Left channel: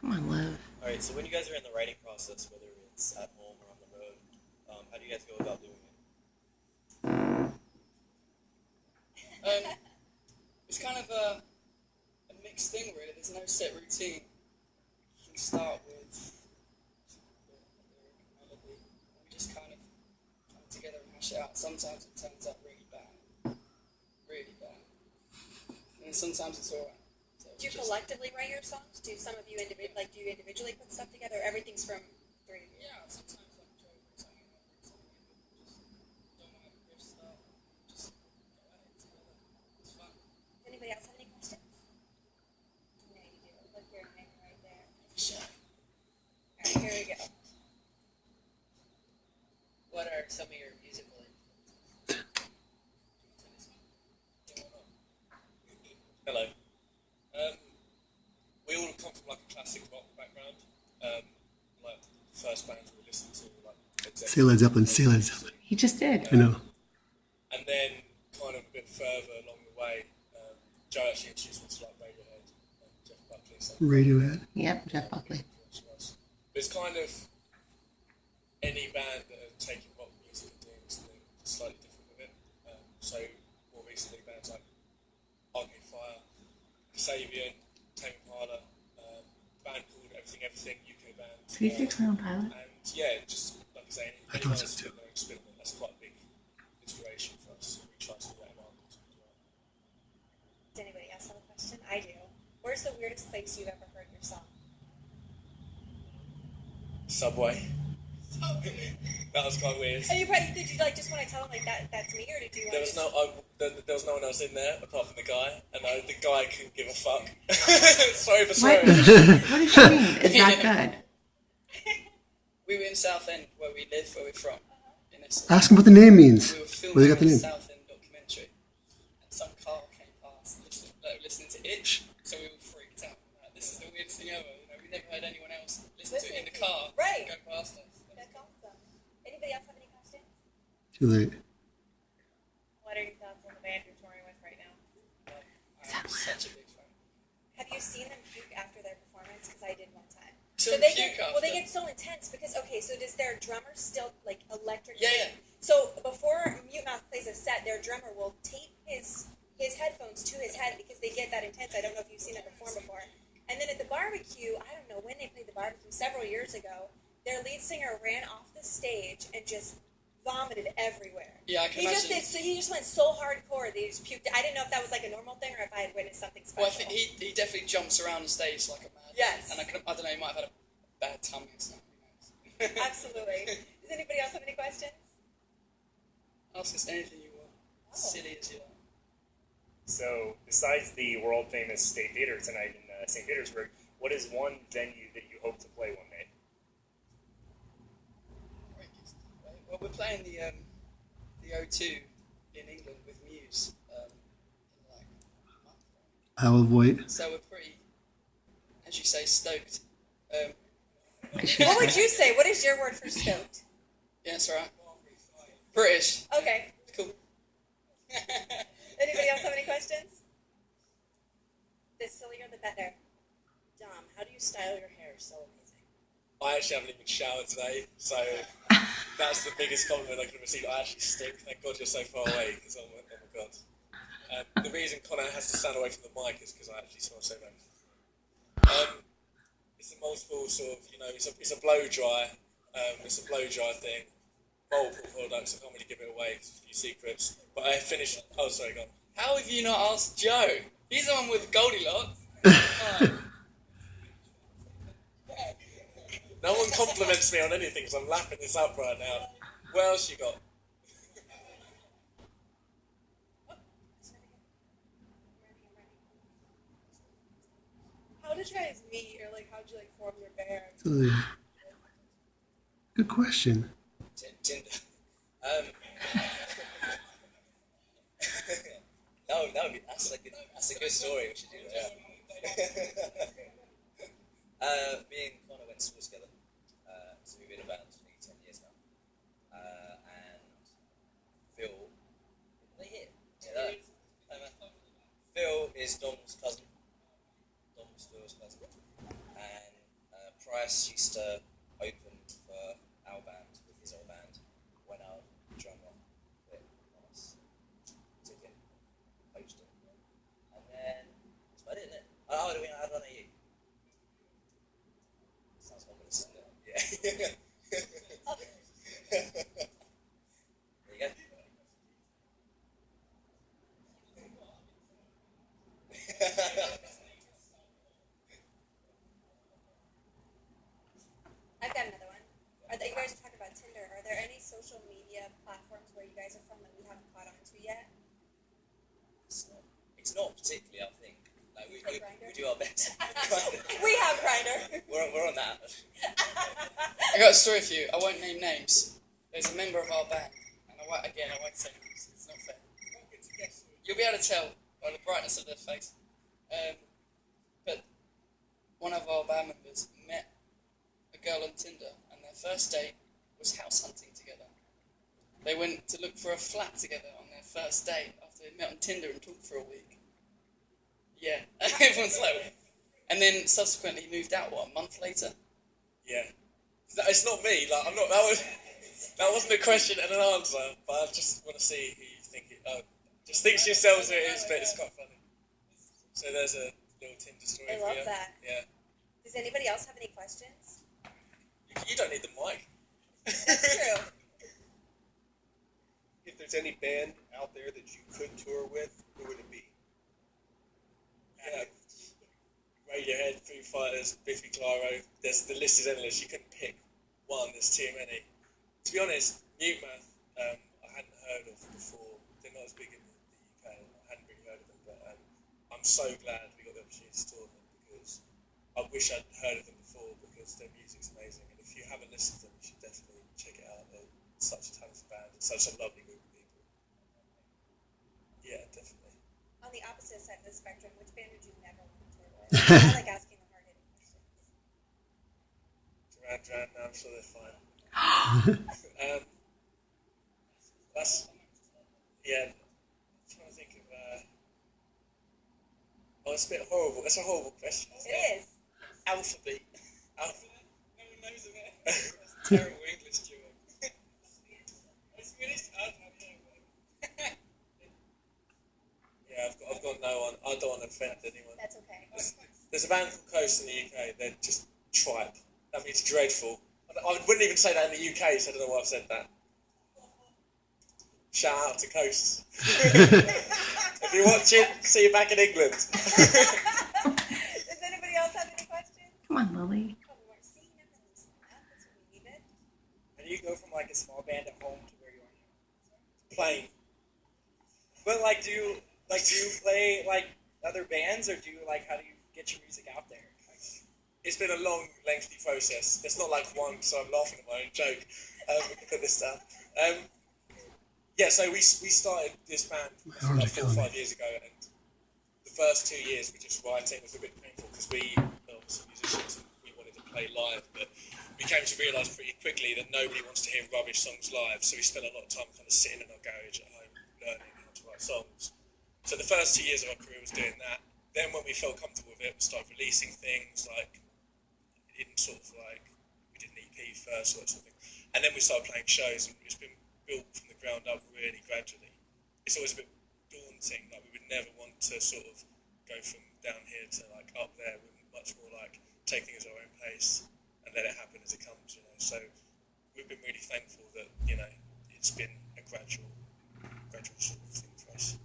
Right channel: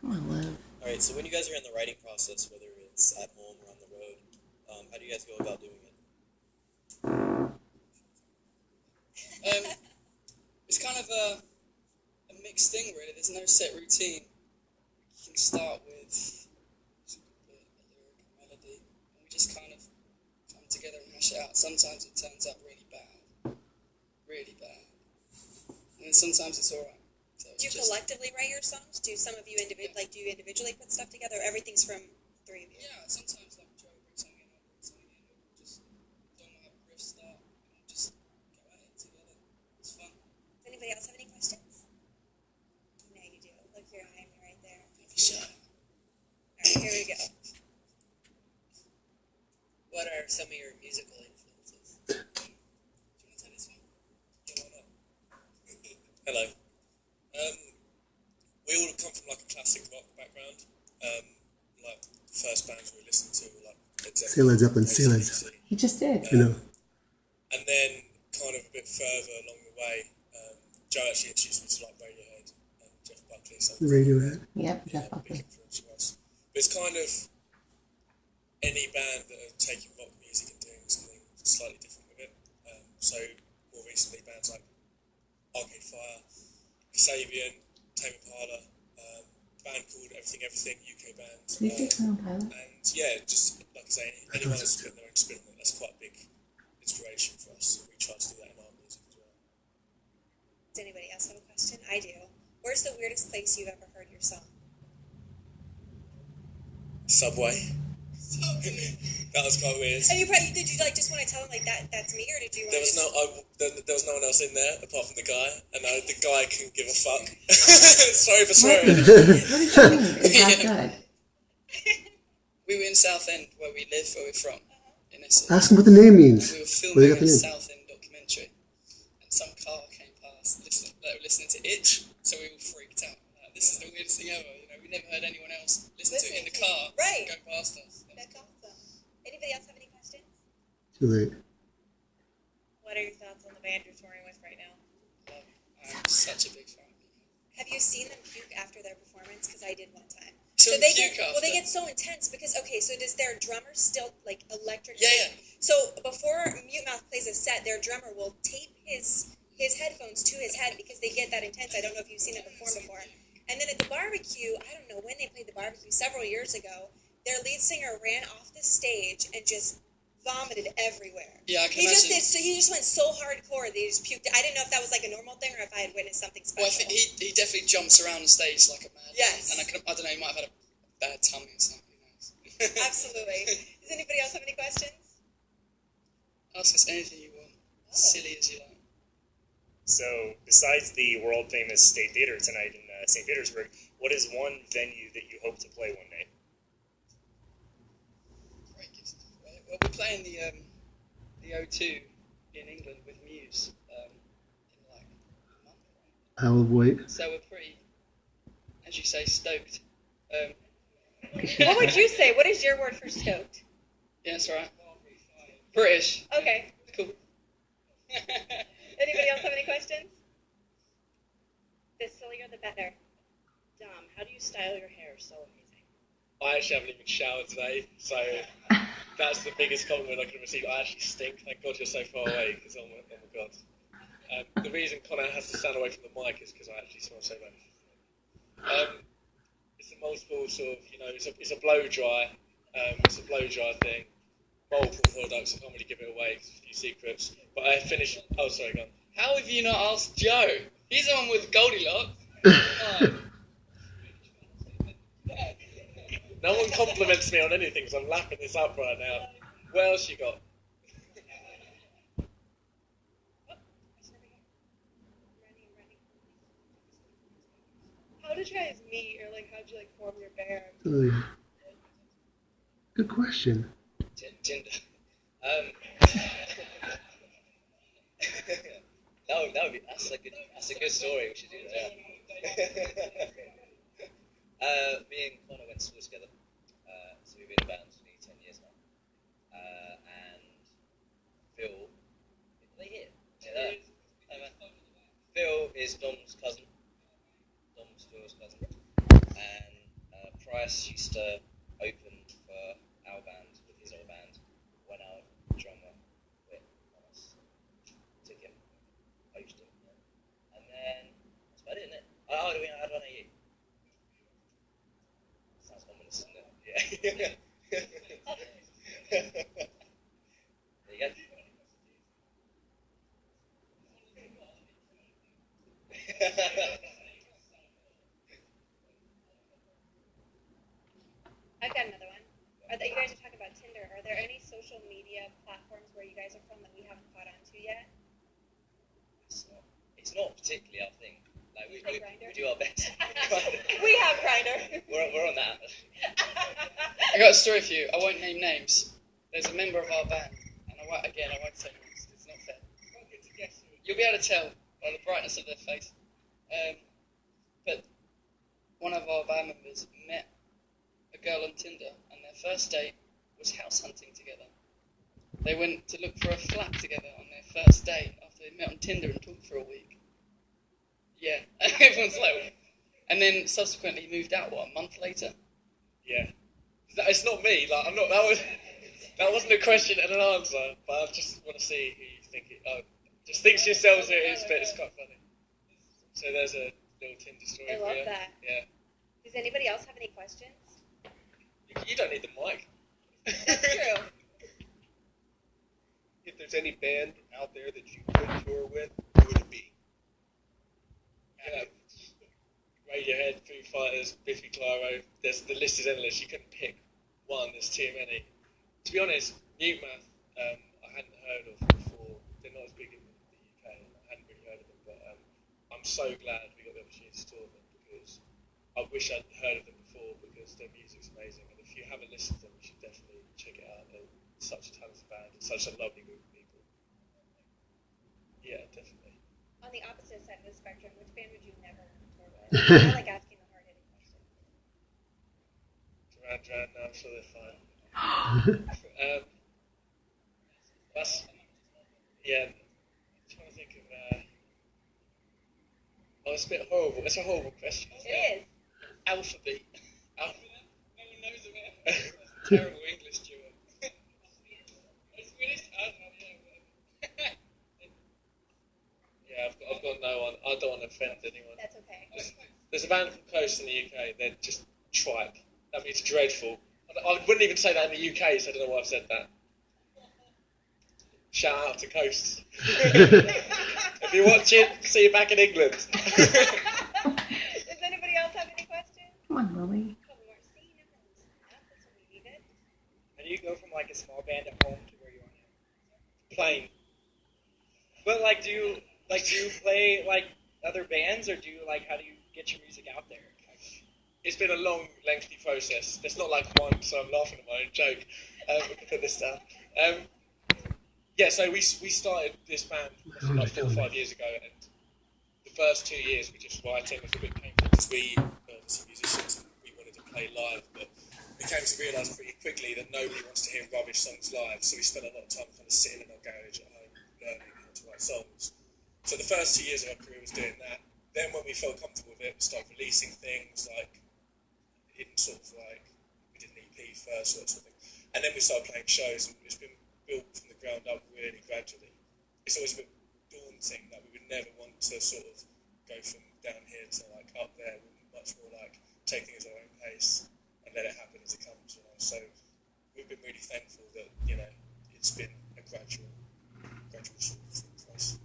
Come on, Liv. All right, so when you guys are in the writing process, whether it's at home or on the road, how do you guys go about doing it? It's kind of a mixed thing, really. There's no set routine. You can start with a lyric, a melody, and we just kind of come together and hash it out. Sometimes it turns out really bad, and sometimes it's all right. So do you collectively write your songs? Do some of you do you individually put stuff together? Or everything's from three of you. Yeah, sometimes like Joe brings something in, I bring something in, and we just don't have a riff start, and just go at it together. It's fun. Does anybody else have any questions? No, you do. Look, you're eyeing me right there. Sure. All right, here we go. What are some of your musical influences? Do you want to tell this one? Hello. We all come from like a classic rock background. Like the first bands we listened to were like Led Zeppelin, Led Zeppelin. He just did. I know. And then kind of a bit further along the way, Joe actually introduced me to like Radiohead and Jeff Buckley. So Radiohead. Yep, Jeff Buckley. But it's kind of any band that are taking rock music and doing something slightly different with it. So more recently, bands like Arcade Fire, Kasabian, Tame Impala, band called Everything, UK band. Did you say Clown Pilot? And yeah, just like I say, anyone that's doing their own spin on it, that's quite a big inspiration for us. So we try to do that in our music as well. Does anybody else have a question? I do. Where's the weirdest place you've ever heard your song? Subway. That was quite weird. And did you just want to tell them that's me, or did you? There was no one else in there apart from the guy, and the guy couldn't give a fuck. Sorry for What? swearing. What does she mean? Is that good? We were in Southend, where we live, where we're from, in Essex. Ask him what the name means. We were Where filming you got a the name? Southend documentary, and some car came past listening to Itch, so we all freaked out. Like, this is the weirdest thing ever. We never heard anyone else listen to it in the car. Right. Go past us. That's awesome. Anybody else have any questions? Too late. What are your thoughts on the band you're touring with right now? I'm such a big fan. Have you seen them puke after their performance? Because I did one time. So they puke get after? they get so intense because so does their drummer still like electric? Yeah. So before Mute Mouth plays a set, their drummer will tape his headphones to his head because they get that intense. I don't know if you've seen it before. And then at the barbecue, I don't know when they played the barbecue, several years ago, their lead singer ran off the stage and just vomited everywhere. Yeah, I can imagine. He just went so hardcore that he just puked. I didn't know if that was like a normal thing or if I had witnessed something special. Well, I think he definitely jumps around the stage like a mad. Yes. And I don't know, he might have had a bad tummy or something. Who knows? Absolutely. Does anybody else have any questions? Ask us anything you want. Silly as you like. So, besides the world-famous State Theater tonight in St. Petersburg, what is one venue that you hope to play one day? Well, we're playing the O2 in England with Muse in like a month, right? I will wait. So we're pretty, as you say, stoked. What would you say? What is your word for stoked? Yeah, that's all right. British. Okay. Cool. Anybody else have any questions? The sillier the better. Dom, how do you style your hair so amazing? I actually haven't even showered today, so that's the biggest compliment I can receive. I actually stink. Thank God you're so far away, because oh my God. The reason Connor has to stand away from the mic is because I actually smell so bad. It's a multiple sort of, it's a blow dry. It's a blow dry thing. Multiple products. I can't really give it away. It's a few secrets. But I finished. Oh, sorry, go on. How have you not asked Joe? He's the one with Goldilocks. No one compliments me on anything, so I'm lapping this up right now. What else you got? How did you guys meet, or how did you form your band? Good question. Tinder. No, that's a good story. We should do that. Me and Connor went to school together, so we've been in a band for nearly 10 years now. And Phil, are they here? Phil is Dom's cousin. Dom's Phil's cousin, and Price used to open for our band with his own band when our drummer quit on us. Took him, poached him, and then that's about it, isn't it? Oh, do we add one of you? Sounds ominous, doesn't it? Yeah. There you go. I've got another one. You guys are talking about Tinder. Are there any social media platforms where you guys are from that we haven't caught on to yet? It's not particularly our thing. Like we do our best. We have Grindr. we're on that. I got a story for you. I won't name names. There's a member of our band, and I won't say names. It's not fair. You'll be able to tell by the brightness of their face. But one of our band members met a girl on Tinder, and their first date was house hunting together. They went to look for a flat together on their first date after they met on Tinder and talked for a week. Yeah, everyone's like, and then subsequently moved out. What, a month later? Yeah. It's not me. Like I'm not. That wasn't a question and an answer. But I just want to see who you think it. Just think to yourselves who it is, but it's quite funny. So there's a little Tinder story. I for love you. that. Yeah. Does anybody else have any questions? You don't need the mic. That's true. If there's any band out there that you could tour with, who would it be? Yeah. Radiohead, Foo Fighters, Biffy Clyro. The list is endless. You couldn't pick one. There's too many. To be honest, Mute Math, I hadn't heard of before. They're not as big in the UK. I hadn't really heard of them, but I'm so glad we got the opportunity to tour them because I wish I'd heard of them before because their music's amazing. And if you haven't listened to them, you should definitely check it out. They're such a talented band and such a lovely group of people. Yeah, definitely. On the opposite side of the spectrum, which band would you never want to tour with? I like asking the hard-hitting questions. Duran now, I'm sure they're fine. That's, yeah, I'm trying to think of, it's a bit horrible. It's a horrible question. It is. Alphabet. Oh, No one knows about it. Terrible English duo. Swedish? I don't know. yeah, I've got no one. I don't want to offend anyone. That's okay. There's a band from Coast in the UK. They're just tripe. That means dreadful. I wouldn't even say that in the UK, so I don't know why I've said that. Shout out to Coast. If you're watching, see you back in England. Does anybody else have any questions? Come on, Lily. Oh, we weren't seeing him. That's what we needed. How do you go from like a small band at home to where you are now? Plane. But like, do you play like other bands, or how do you get your music out there? It's been a long, lengthy process. It's not like one, so I'm laughing at my own joke. We can put this down. Yeah, so we started this band like 4 or 5 years ago, and the first 2 years we just writing was a bit painful because we, obviously musicians, we wanted to play live, but we came to realise pretty quickly that nobody wants to hear rubbish songs live, so we spent a lot of time kind of sitting in our garage at home learning how to write songs. So the first 2 years of our career was doing that. Then when we felt comfortable with it, we started releasing things like we did an EP first, sort of thing, and then we started playing shows, and it's been built from the ground up really gradually. It's always a bit daunting, like we would never want to sort of go from down here to like up there. We're much more like take things at our own pace and let it happen as it comes, you know. So we've been really thankful that, you know, it's been a gradual sort of thing for us.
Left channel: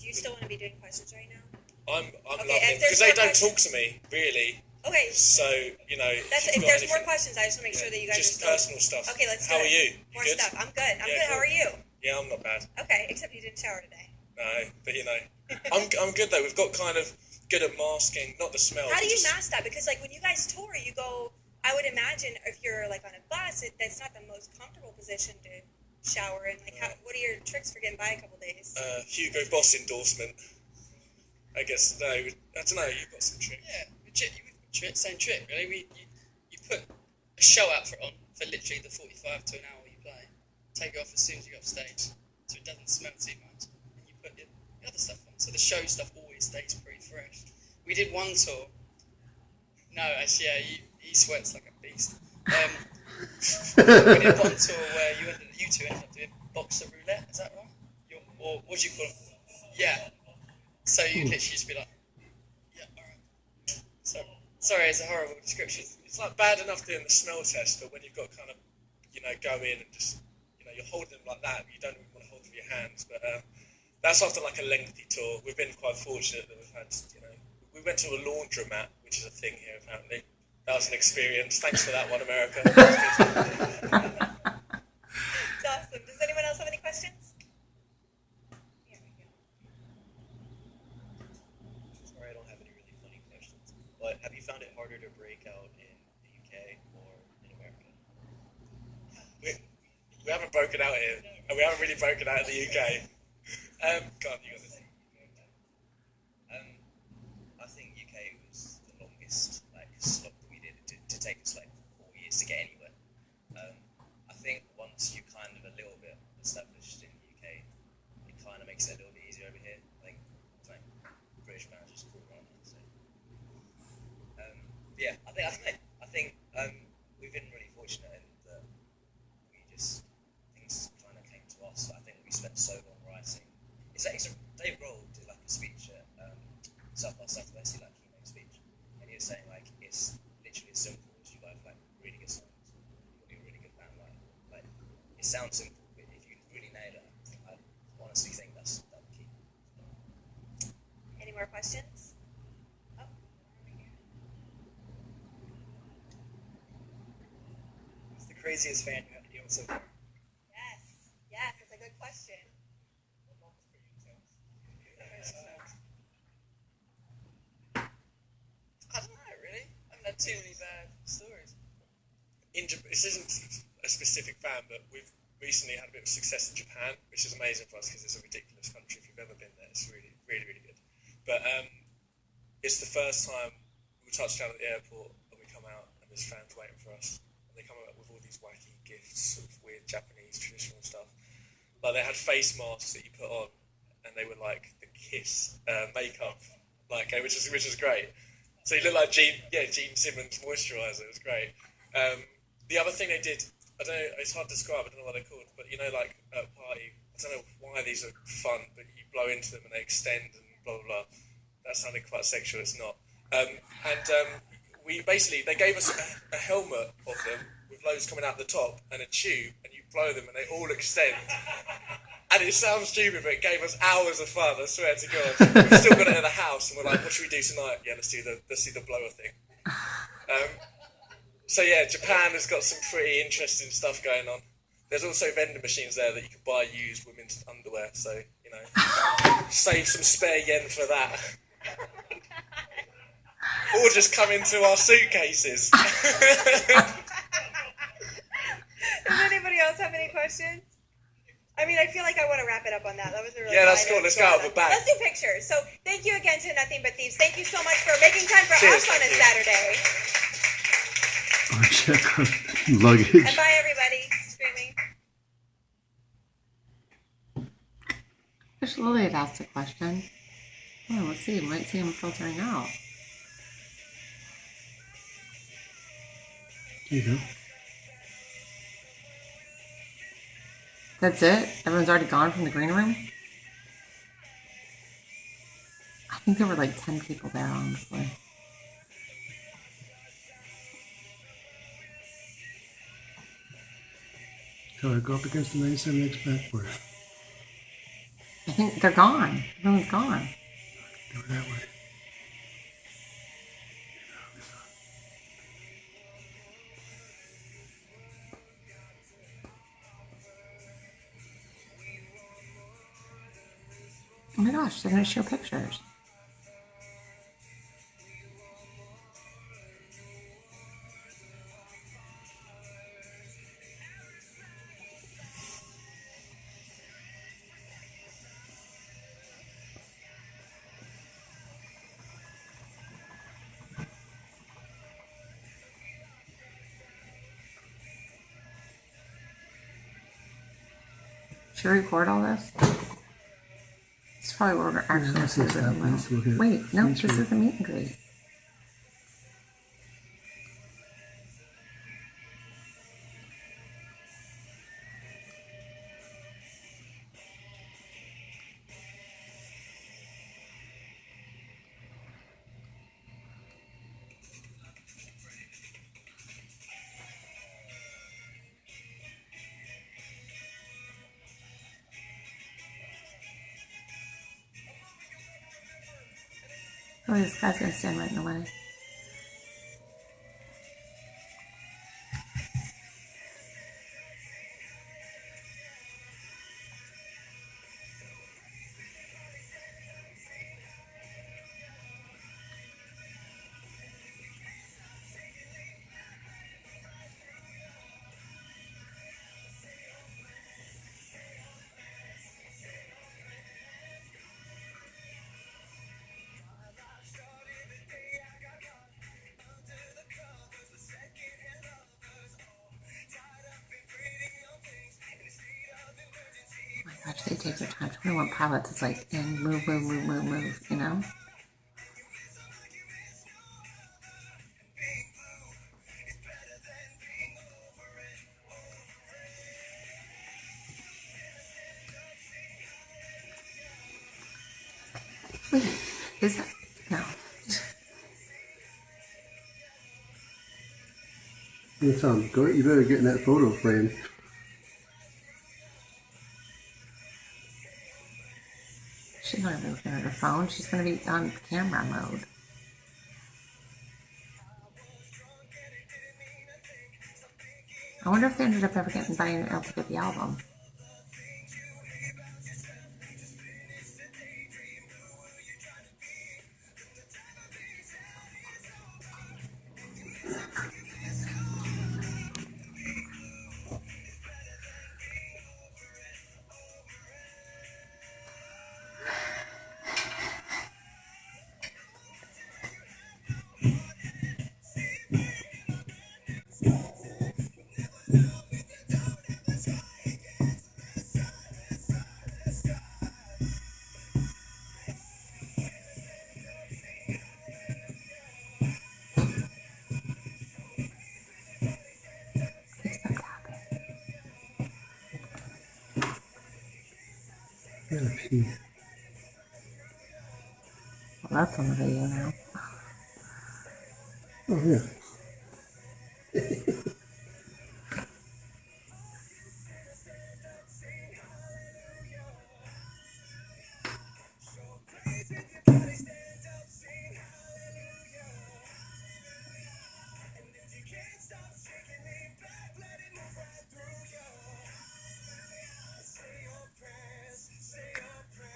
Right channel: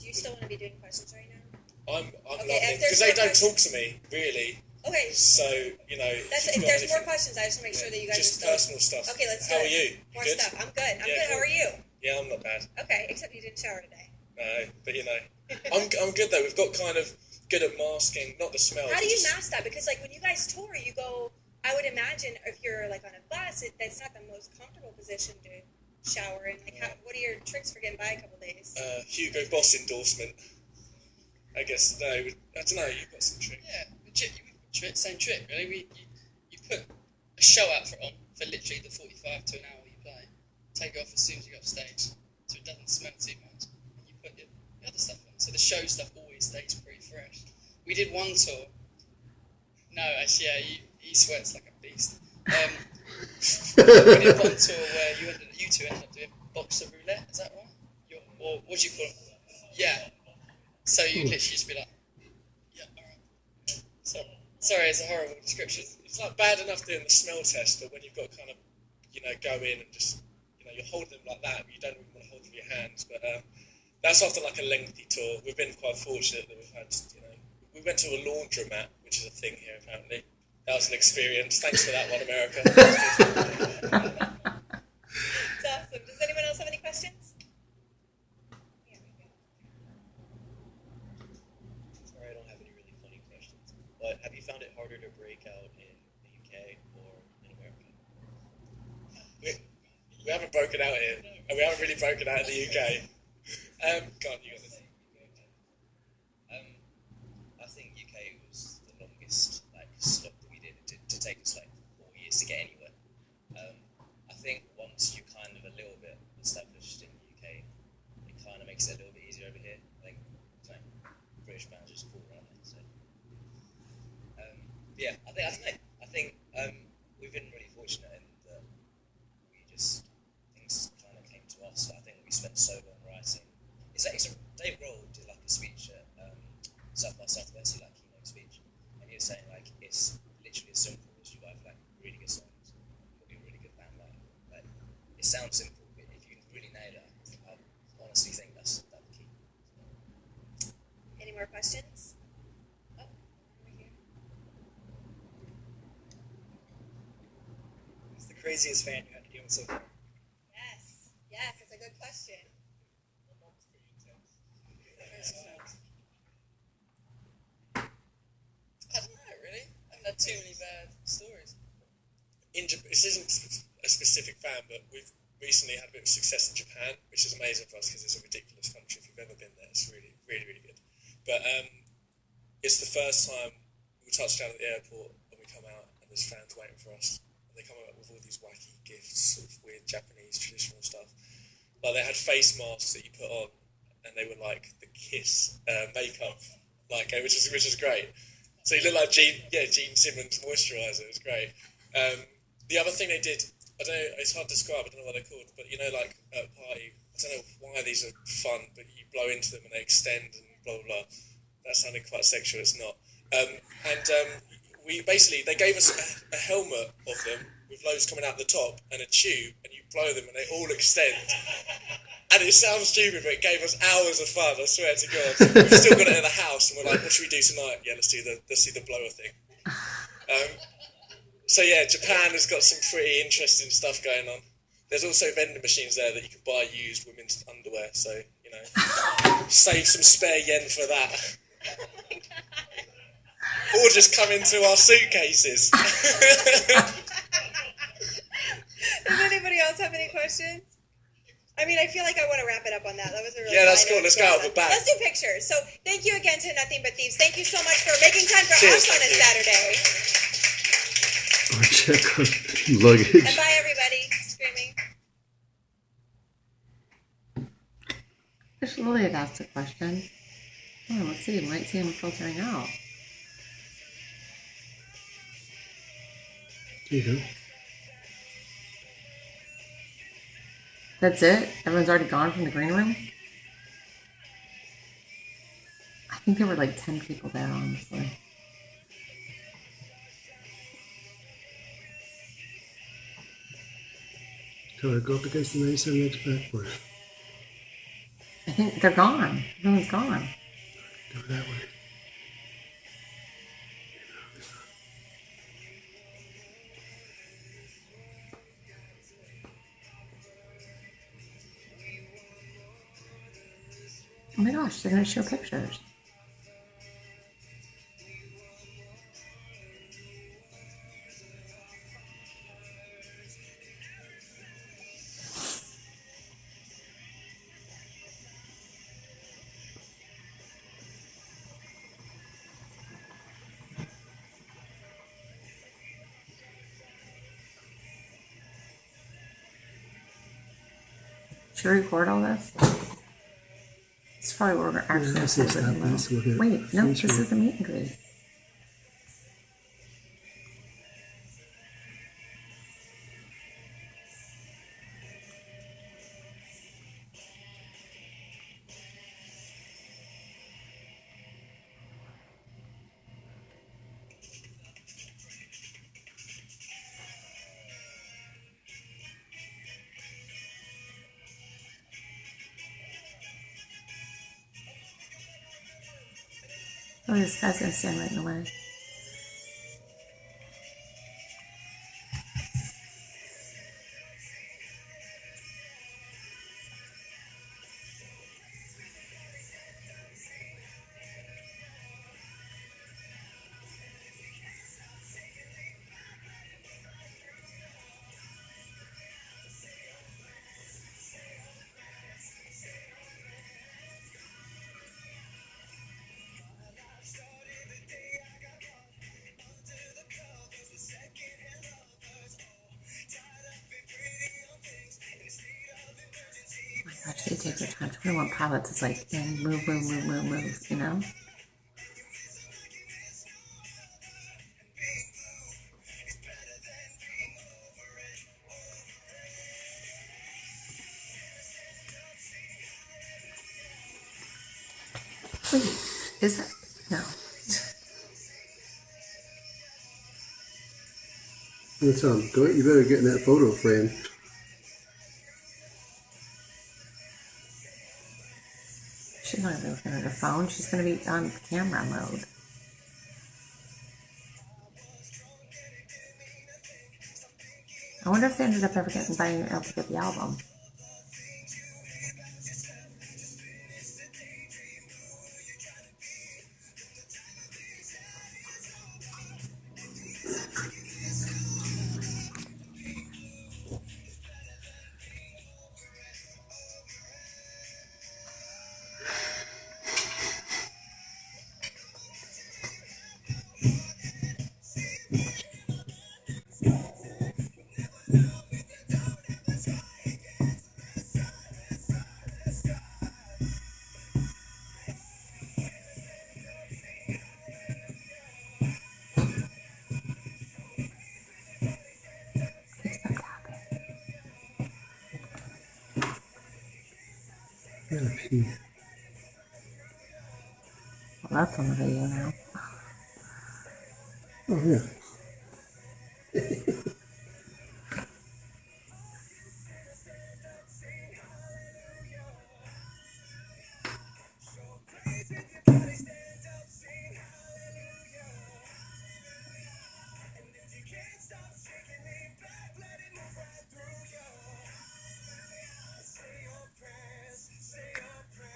Do you still want to be doing questions right now? I'm Okay, loving if it there's because they more don't talk to me really. Okay. So, you know, If you've got there's more anything- questions, I just want to make sure that you guys just are still... personal stuff. Okay, let's do How it. are you? More good? stuff. I'm good. I'm Yeah, good. How cool. are you? Yeah, I'm not bad. Okay, except you didn't shower today. No, but you know, I'm good though. We've got kind of good at masking, not the smell. How do you just- mask that? Because like when you guys tour, you go. I would imagine if you're like on a bus, that's not the most comfortable position to shower in. Like, what are your tricks for getting by a couple days? Hugo Boss endorsement. I guess no. I don't know. You've got some tricks. Yeah, same trick, really. You put a show outfit on for literally the 45 to an hour you play. Take it off as soon as you go off stage, so it doesn't smell too much. And you put your other stuff on, so the show stuff always stays pretty fresh. We did one tour. No, actually, yeah, he sweats like a beast. You got on tour where you two ended up doing boxer roulette, is that right? Or what do you call it? Yeah. So you literally just be like, yeah, alright. So, sorry, it's a horrible description. It's like bad enough doing the smell test, but when you've got to kind of, go in and just, you're holding them like that, you don't even want to hold them with your hands. But that's after like a lengthy tour. We've been quite fortunate that we've had, we went to a laundromat, which is a thing here apparently. That was an experience. Thanks for that one, America. It's awesome. Does anyone else have any questions? Sorry, I don't have any really funny questions. But have you found it harder to break out in the UK or in America? We haven't broken out here, and we haven't really broken out in the UK. God, you got this. I think UK was the longest stop that we did. To take us 4 years to get anywhere. I think once you kind of a little bit established in the UK, it kind of makes it a little bit easier over here. British managers cool around that. So yeah, I think we've been really fortunate in that things kind of came to us. I think we spent so long writing. It's Dave Grohl did a speech at South by Southwest, keynote speech, and he was saying it's literally as simple as you write really good songs, put a really good band line. It sounds simple, but if you really nail it, I honestly think that's the key. Any more questions? Oh. What's the craziest fan you have to deal with so far? Yes, it's a good question. I don't know, really. I haven't had too many bad stories. This isn't a specific fan, but we've recently had a bit of success in Japan, which is amazing for us because it's a ridiculous country. If you've ever been there, it's really, really, really good. But it's the first time we touched down at the airport and we come out and there's fans waiting for us. And they come out with all these wacky gifts of weird Japanese traditional stuff. They had face masks that you put on, and they were like the Kiss makeup, which is great. So you look like Gene Simmons moisturiser. It was great. The other thing they did, I don't know, it's hard to describe. I don't know what they're called, but at a party, I don't know why these are fun, but you blow into them and they extend and blah blah blah. That sounded quite sexual. It's not. They gave us a helmet of them with loads coming out the top and a tube, and you blow them and they all extend. And it sounds stupid, but it gave us hours of fun. I swear to God. We've still got it at the house, and we're like, "What should we do tonight?" Yeah, let's do the blower thing. So yeah, Japan has got some pretty interesting stuff going on. There's also vending machines there that you can buy used women's underwear. So save some spare yen for that. Or just come into our suitcases. Does anybody else have any questions? I feel like I want to wrap it up on that. That was a really that's cool. Let's go out of the back. Let's do pictures. So thank you again to Nothing But Thieves. Thank you so much for making time for us on a Saturday. Or check our luggage. And bye, everybody. Screaming. Fish Lily had asked a question. Oh, let's see. Might see him filtering out. There you go. That's it? Everyone's already gone from the green room? I think there were 10 people there, honestly. Go up against the 97X backboard. I think they're gone. Everyone's gone. Go that way. Oh my gosh, they're going to show pictures. Should we record all this? This is probably where we're actually going to sit with them. Wait, no, this is a meet and greet. Oh, this guy's gonna stand right in the way. Oh my gosh, they take their time. 21 Pilots is like in move, move, move, move, move, you know? Wait, is that? No. That's good. You better get in that photo frame. She's not gonna be looking at her phone. She's gonna be on camera mode. I wonder if they ended up ever getting able to get the album. I gotta pee. Well, that's on the video now. Oh yeah.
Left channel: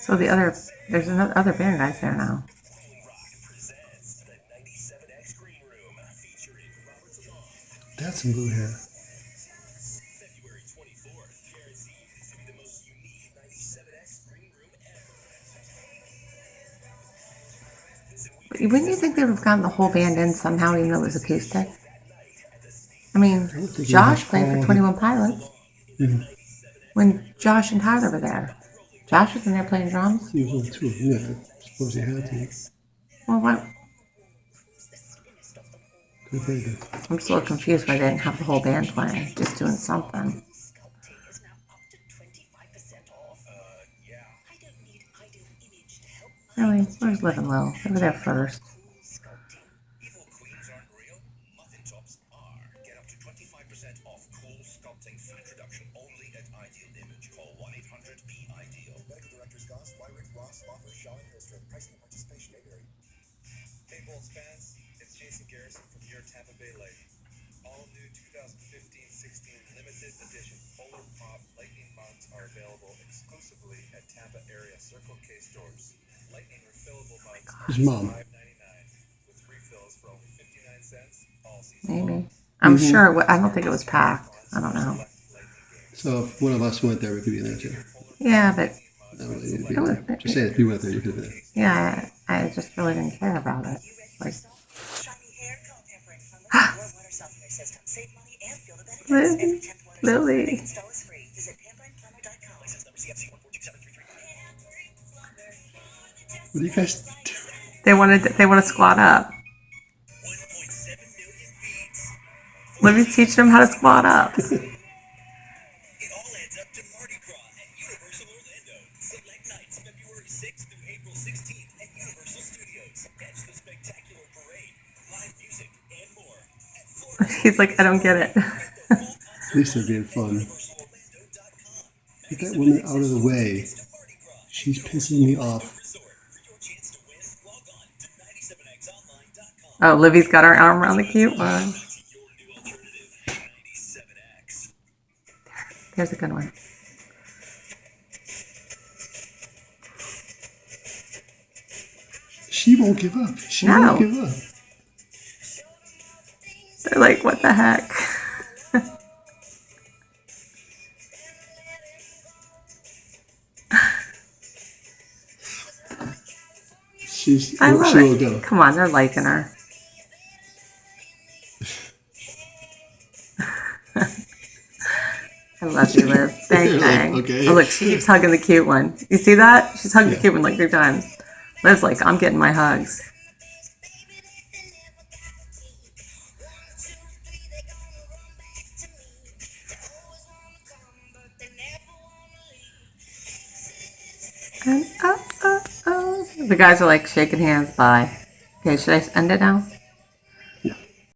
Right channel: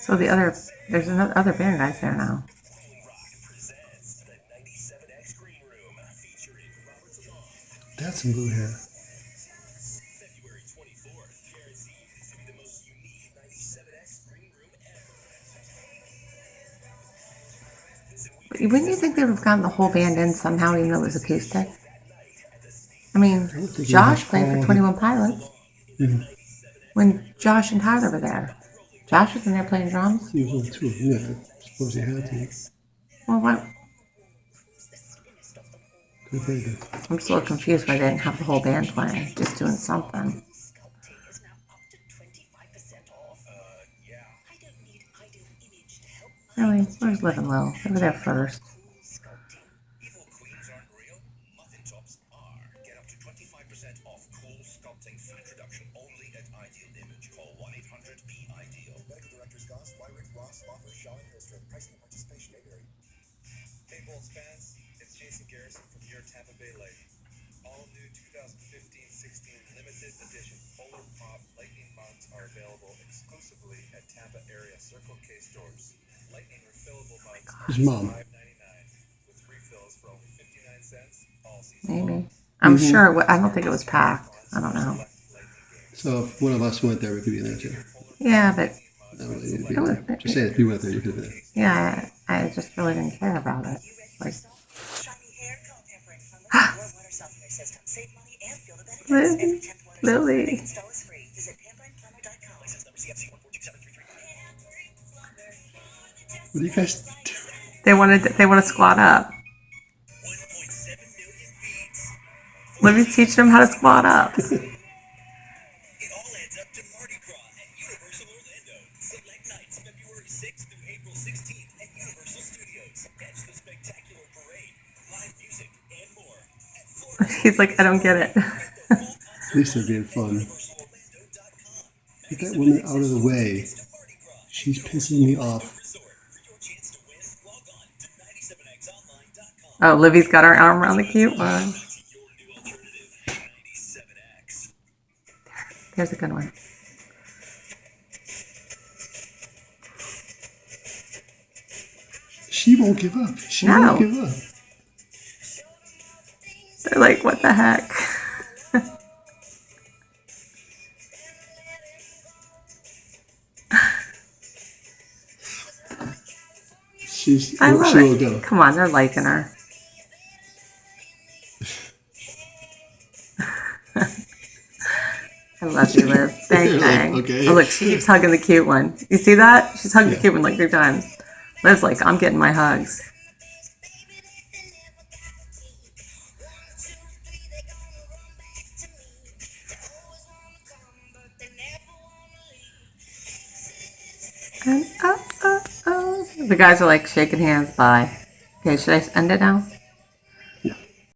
So there's another other band guys there now. That's some blue hair. But wouldn't you think they would have gotten the whole band in somehow, even though it was acoustic? I mean, Josh played for 21 Pilots when Josh and Tyler were there. Josh was in there playing drums. He was on tour. Yeah, I suppose he had to. Well, what? Good idea. I'm just a little confused why they didn't have the whole band playing, just doing something. Really? Where's Living Low? They were there first. Hey, Bolts fans, it's Jason Garrison from your Tampa Bay Lightning. All new 2015-16 limited edition Polar Pop Lightning mugs are available exclusively at Tampa area Circle K stores. Lightning refillable mugs are His mom. $5.99 with refills for only 59 cents all season Maybe. long. I'm sure. I don't think it was packed. I don't know. So if one of us went there, we could be in there too. Yeah, but That really need to be in there. Just saying, if you went there, you could have been there. yeah, I just really didn't care about it. Like, Lily. What do you guys do? They want to squat up. Let me teach them how to squat up. It all adds up to Mardi Gras at Universal Orlando. Select nights February 6th through April 16th at Universal Studios. Catch the spectacular parade, live music, and more. He's like, I don't get it. At least they're being fun. Get that woman out of the way. She's pissing me off. Oh, Livy's got her arm around the cute one. There's a good one. She won't give up. She No. won't give up. They're like, what the heck? I love she will it. go. Come on, they're liking her. I love you, Liv. Bang, bang. Okay. Oh, look, she keeps hugging the cute one. You see that? She's hugging the cute one like 3 times. Liv's like, I'm getting my hugs. And the guys are like shaking hands. Bye. Okay, should I end it now?